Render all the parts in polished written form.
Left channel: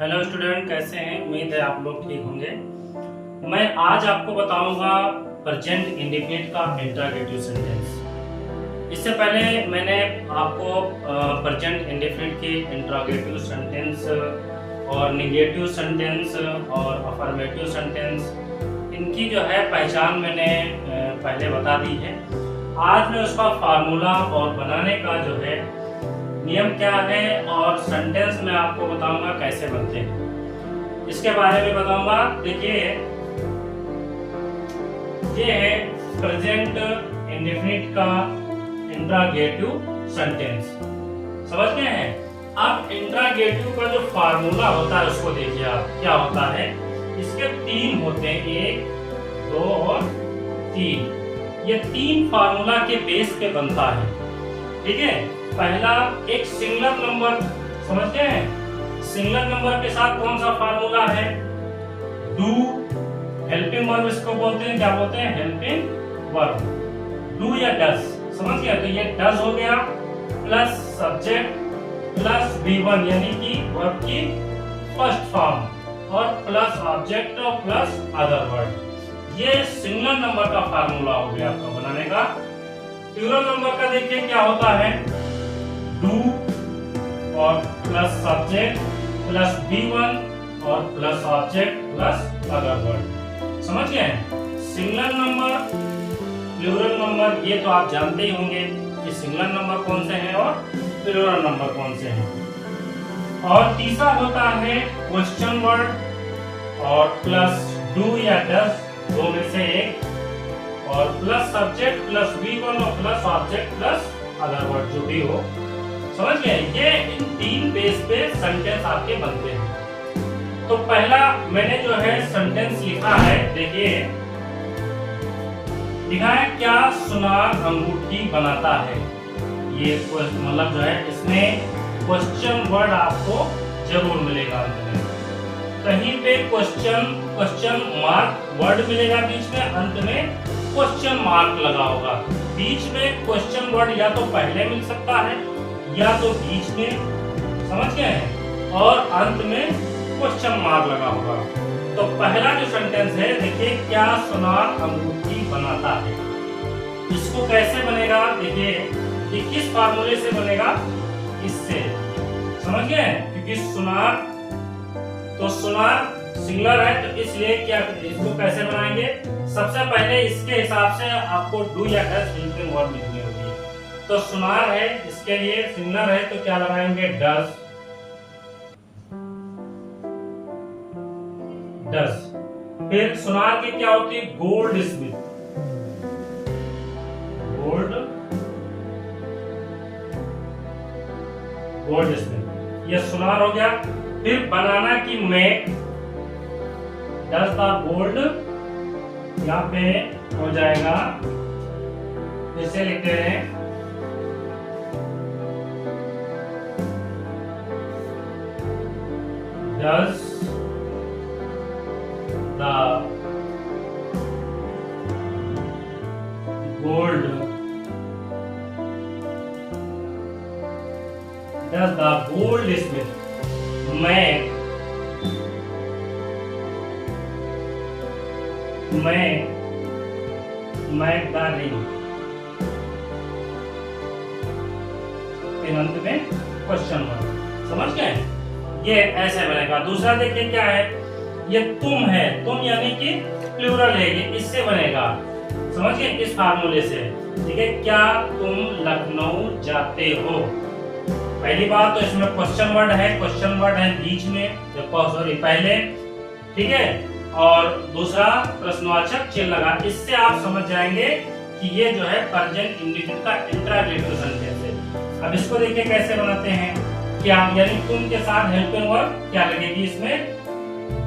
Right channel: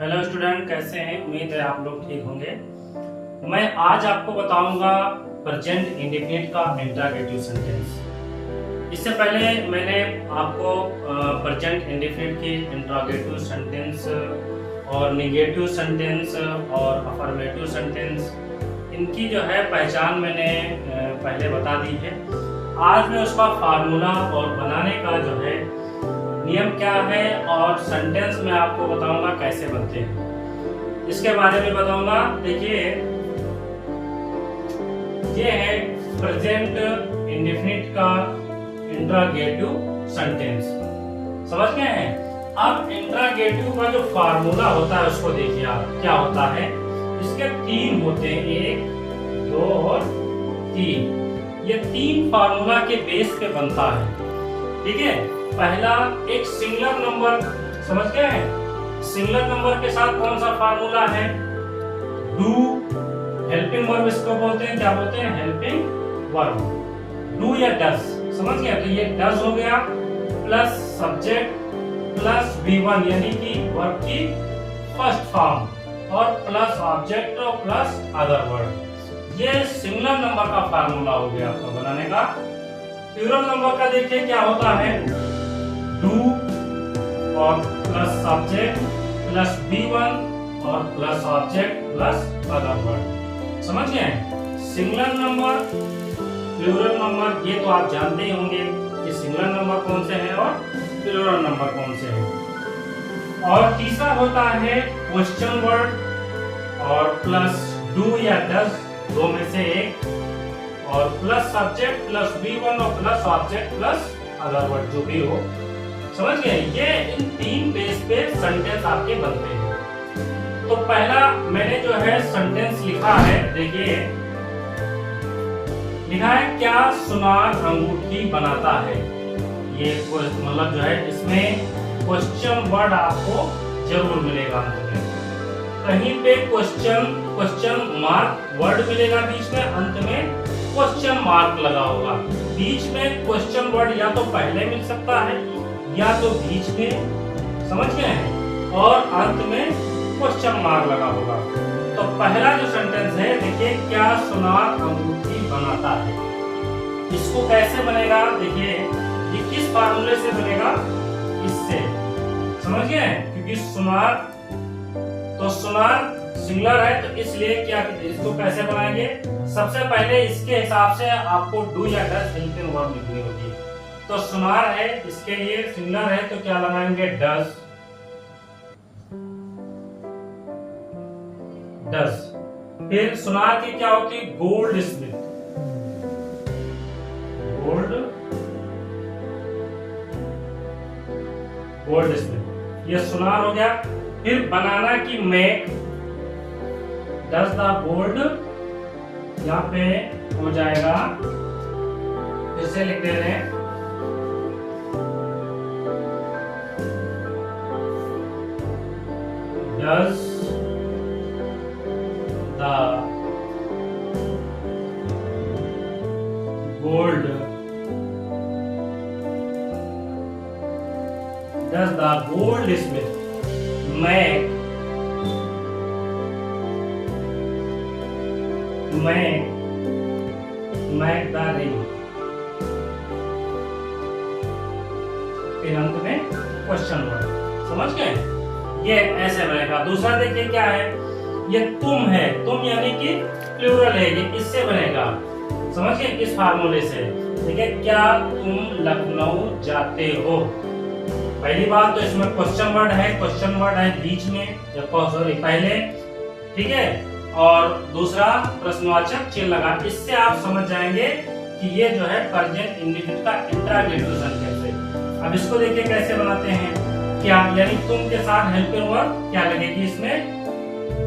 Hello student, कैसे हैं? उम्मीद है आप लोग ठीक होंगे। मैं आज आपको बताऊंगा प्रेजेंट इंडेफिनिट का इंट्रोगेटिव सेंटेंस। इससे पहले मैंने आपको प्रेजेंट इंडेफिनिट की इंट्रोगेटिव सेंटेंस और नेगेटिव सेंटेंस और अफर्मेटिव सेंटेंस इनकी जो है पहचान मैंने पहले बता दी है। आज मैं उसका फार्मूला और बनाने का जो है नियम क्या है और सेंटेंस में आपको बताऊंगा कैसे बनते हैं, इसके बारे में बताऊंगा। देखिए, ये है प्रेजेंट इंडेफिनिट का इंट्रोगेटिव सेंटेंस। समझ गए हैं? अब इंट्रोगेटिव का जो फार्मूला होता है उसको देखिए आप, क्या होता है। इसके तीन होते हैं, 1, 2 और 3। ये तीन फार्मूला के बेस पे बनता है। ठीक है, पहला एक सिंगुलर नंबर, समझ गए हैं? सिंगुलर नंबर के साथ कौन सा फार्मूला है? डू हेल्पिंग वर्ब इसको बोलते हैं। क्या बोलते हैं? Helping verb. डू या डस, समझ गया? तो ये डस हो गया प्लस सब्जेक्ट प्लस V1 यानी कि वर्ब की फर्स्ट फॉर्म और प्लस ऑब्जेक्ट और प्लस अदर वर्ड। ये सिंगुलर नंबर का फार्मूला हो गया आपका बनाने का। प्लूरल नंबर का देखिए क्या होता है, डू और प्लस सब्जेक्ट प्लस V1 और plus object plus other word. समझ गए? सिंगुलर नंबर, प्लूरल नंबर, ये तो आप जानते ही होंगे कि सिंगुलर नंबर कौन से हैं और प्लूरल नंबर कौन से हैं। और तीसरा होता है क्वेश्चन वर्ड और प्लस डू या डस, दो में से एक, और प्लस सब्जेक्ट प्लस V1 और plus object plus other word, जो भी हो। समझ गए? ये इन तीन बेस पे सेंटेंस आपके बनते हैं। तो पहला मैंने जो है सेंटेंस लिखा है, देखिए लिखा है, क्या सुनार अंगूठी बनाता है। ये मतलब जो है इसमें क्वेश्चन वर्ड आपको जरूर मिलेगा अंत में। कहीं पे क्वेश्चन मार्क वर्ड मिलेगा बीच में, अंत में क्वेश्चन मार्क लगा होगा। बीच में क्वेश्चन वर्ड या तो पहले मिल सकता है या तो बीच में, समझ गए हैं, और अंत में क्वेश्चन मार्क लगा होगा। तो पहला जो सेंटेंस है, देखिए, क्या सुनार अंगूठी बनाता है। इसको कैसे बनेगा? देखिए, ये किस फार्मूले से बनेगा? इससे, समझ गए? क्योंकि सुनार, तो सुनार सिंगुलर है तो इसलिए क्या, इसको कैसे बनाएंगे? सबसे पहले इसके हिसाब से आपको डू या डस हेल्पिंग वर्ब लिखनी होगी। तो सुनार है, इसके लिए सिंगुलर है तो क्या लगाएंगे? डस। डस। फिर सुनार की क्या होती है? Gold Smith. गोल्ड स्मिथ, ये सुनार हो गया। फिर बनाना की मैक, डस द गोल्ड, यहाँ पे हो जाएगा, फिर से लिखते हैं, does the gold, does the goldsmith make the ring. फिर अंत में क्वेश्चन वर्ड। समझ गए? ये ऐसे बनेगा। दूसरा देखिए क्या है, ये तुम है, तुम यानी कि प्लूरल है, ये इससे बनेगा। समझ गए? इस फार्मूले से। ठीक है, क्या तुम लखनऊ जाते हो। पहली बात तो इसमें क्वेश्चन वर्ड है बीच में, सॉरी पहले, ठीक है, और दूसरा प्रश्नवाचक चिन्ह लगा। इससे आप समझ जाएंगे कि ये जो है प्रेजेंट इंडेफिनिट का इंट्रोगेटिव सेंटेंस है। अब इसको देखिए कैसे बनाते हैं। क्या, यानी तुम के साथ हेल्पिंग वर्ब क्या लगेगी इसमें?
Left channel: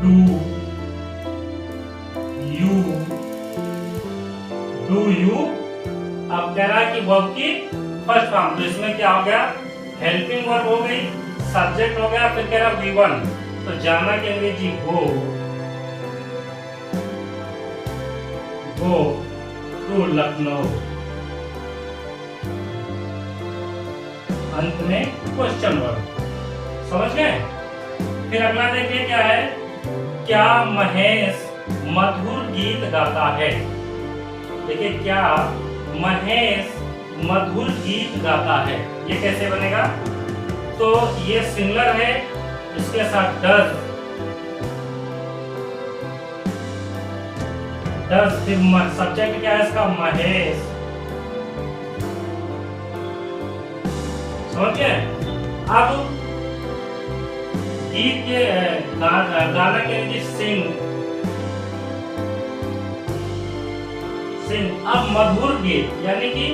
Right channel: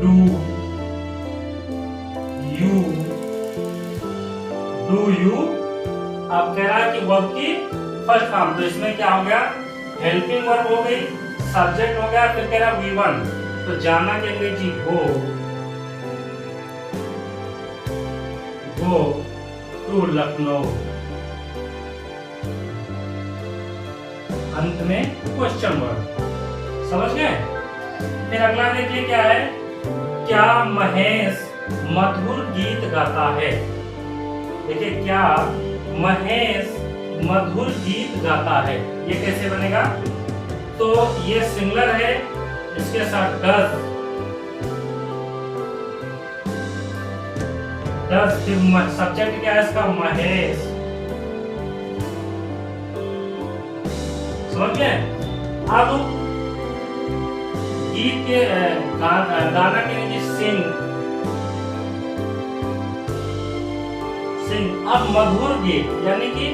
Do you. अब कह रहा है कि वर्ब की फर्स्ट फॉर्म, तो इसमें क्या हो गया? हेल्पिंग वर्ब हो गई, सब्जेक्ट हो गया, फिर कह रहा V1, तो जाना की अंग्रेजी गो टू लखनऊ। अंत में क्वेश्चन वर्ड। समझ गए? फिर अगला देखिए क्या है, क्या महेश मधुर गीत गाता है। देखिए क्या महेश मधुर गीत गाता है, ये कैसे बनेगा? तो ये सिंगुलर है, इसके साथ डज, फिर सब्जेक्ट क्या है इसका? महेश। समझ गए? अब गीत के गाना के लिए सिंग। अब मधुर गीत यानी कि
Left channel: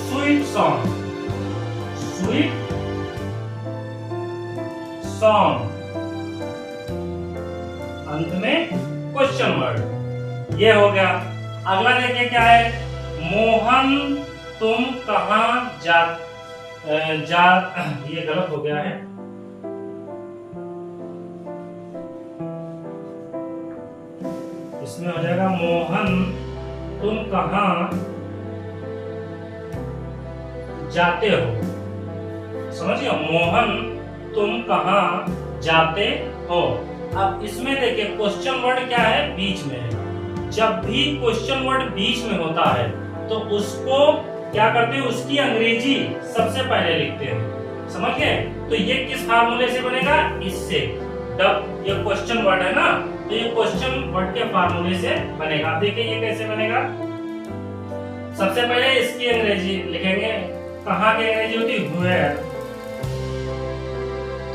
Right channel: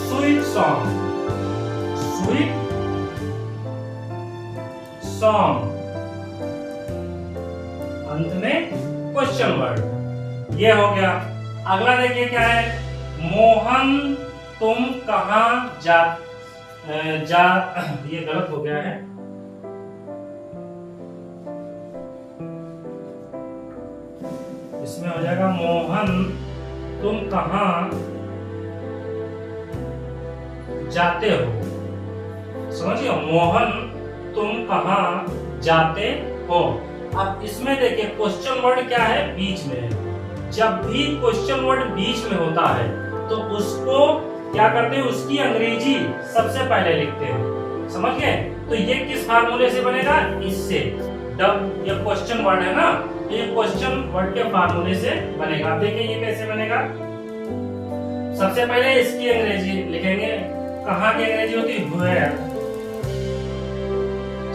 स्वीट सॉन्ग, अंत में क्वेश्चन वर्ड, ये हो गया। अगला देखिए क्या है, मोहन तुम कहां जा ये गलत हो गया है, इसमें हो जाएगा मोहन तुम कहां जाते हो। समझिए, मोहन तुम कहां जाते हो। अब इसमें देखिए क्वेश्चन वर्ड क्या है? बीच में है। जब भी क्वेश्चन वर्ड बीच में होता है तो उसको क्या करते हैं? उसकी अंग्रेजी सबसे पहले लिखते हैं। समझ गए? तो ये किस फार्मूले से बनेगा? इससे। जब ये क्वेश्चन वर्ड है ना, तो ये क्वेश्चन वर्ड के फार्मूले से बनेगा। देखिए ये कैसे बनेगा। सबसे पहले इसकी अंग्रेजी लिखेंगे। कहाँ की अंग्रेजी होती है? वेयर।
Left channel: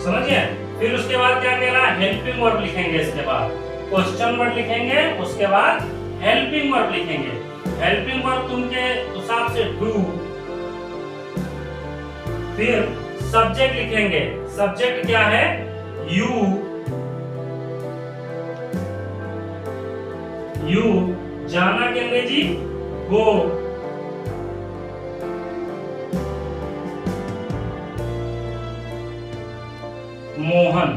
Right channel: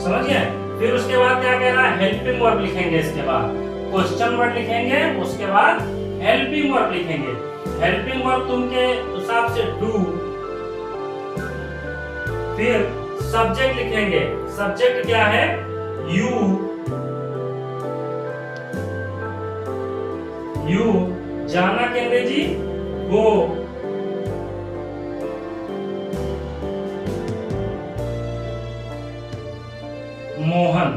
समझिए? फिर उसके बाद क्या कह रहा है? हेल्पिंग वर्ब लिखेंगे। इसके बाद क्वेश्चन वर्ड लिखेंगे, उसके बाद हेल्पिंग वर्ब लिखेंगे। हेल्पिंग वर्ब तुमके हिसाब से डू। फिर सब्जेक्ट लिखेंगे। सब्जेक्ट क्या है? यू। जाना की अंग्रेजी गो। Mohan.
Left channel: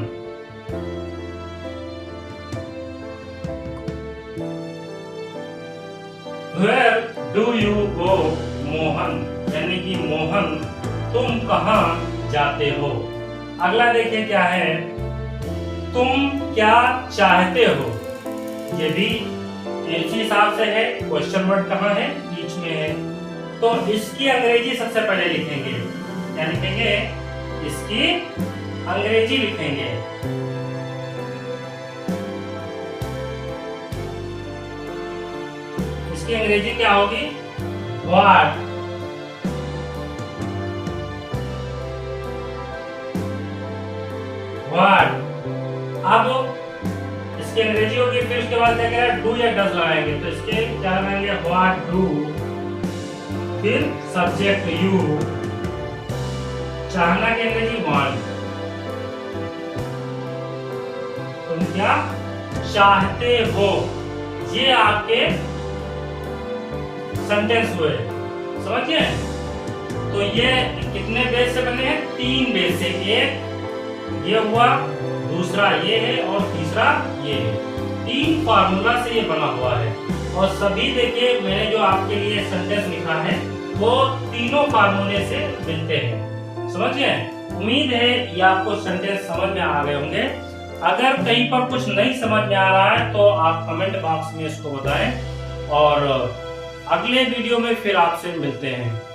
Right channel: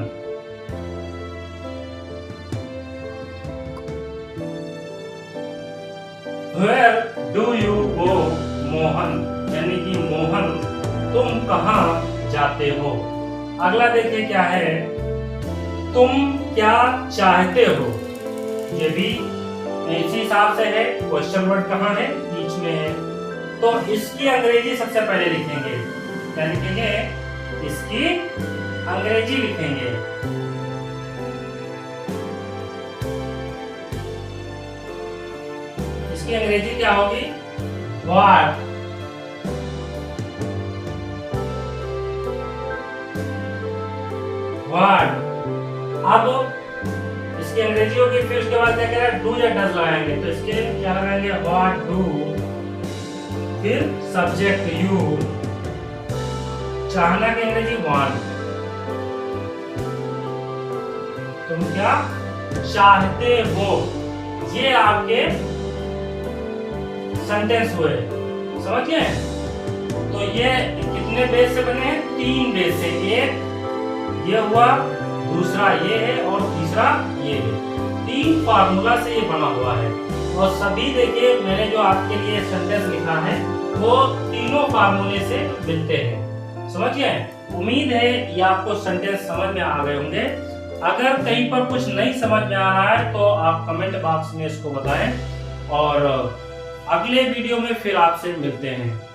Where do you go? Mohan यानी कि मोहन तुम कहां जाते हो। अगला देखिए क्या है, तुम क्या चाहते हो। ये भी इसी हिसाब से है। क्वेश्चन वर्ड कहाँ है? बीच में है। तो इसकी अंग्रेजी सबसे पहले लिखेंगे। क्या लिखेंगे? इसकी अंग्रेजी लिखेंगे। इसकी अंग्रेजी क्या होगी? व्हाट। अब इसकी अंग्रेजी होगी। फिर उसके बाद क्या करें? डू या डज लगाएंगे। तो इसके क्या लगाएंगे? What do. फिर सब्जेक्ट यू। चाहना की अंग्रेजी वांट। तुम क्या चाहते हो। ये आपके सेंटेंस हुए। समझिए? तो ये कितने बेस से बने हैं? 3 बेस से। एक ये हुआ, दूसरा ये है और तीसरा ये है। 3 फार्मूला से ये बना हुआ है। और सभी देखिए मैंने जो आपके लिए सेंटेंस लिखा है वो तीनों फार्मूले से मिलते हैं। समझिए? उम्मीद है ये आपको सेंटेंस समझ में आ गए होंगे। अगर कहीं पर कुछ नहीं समझ में आ रहा है तो आप कमेंट बॉक्स में इसको बताएं और अगले वीडियो में फिर आपसे मिलते हैं।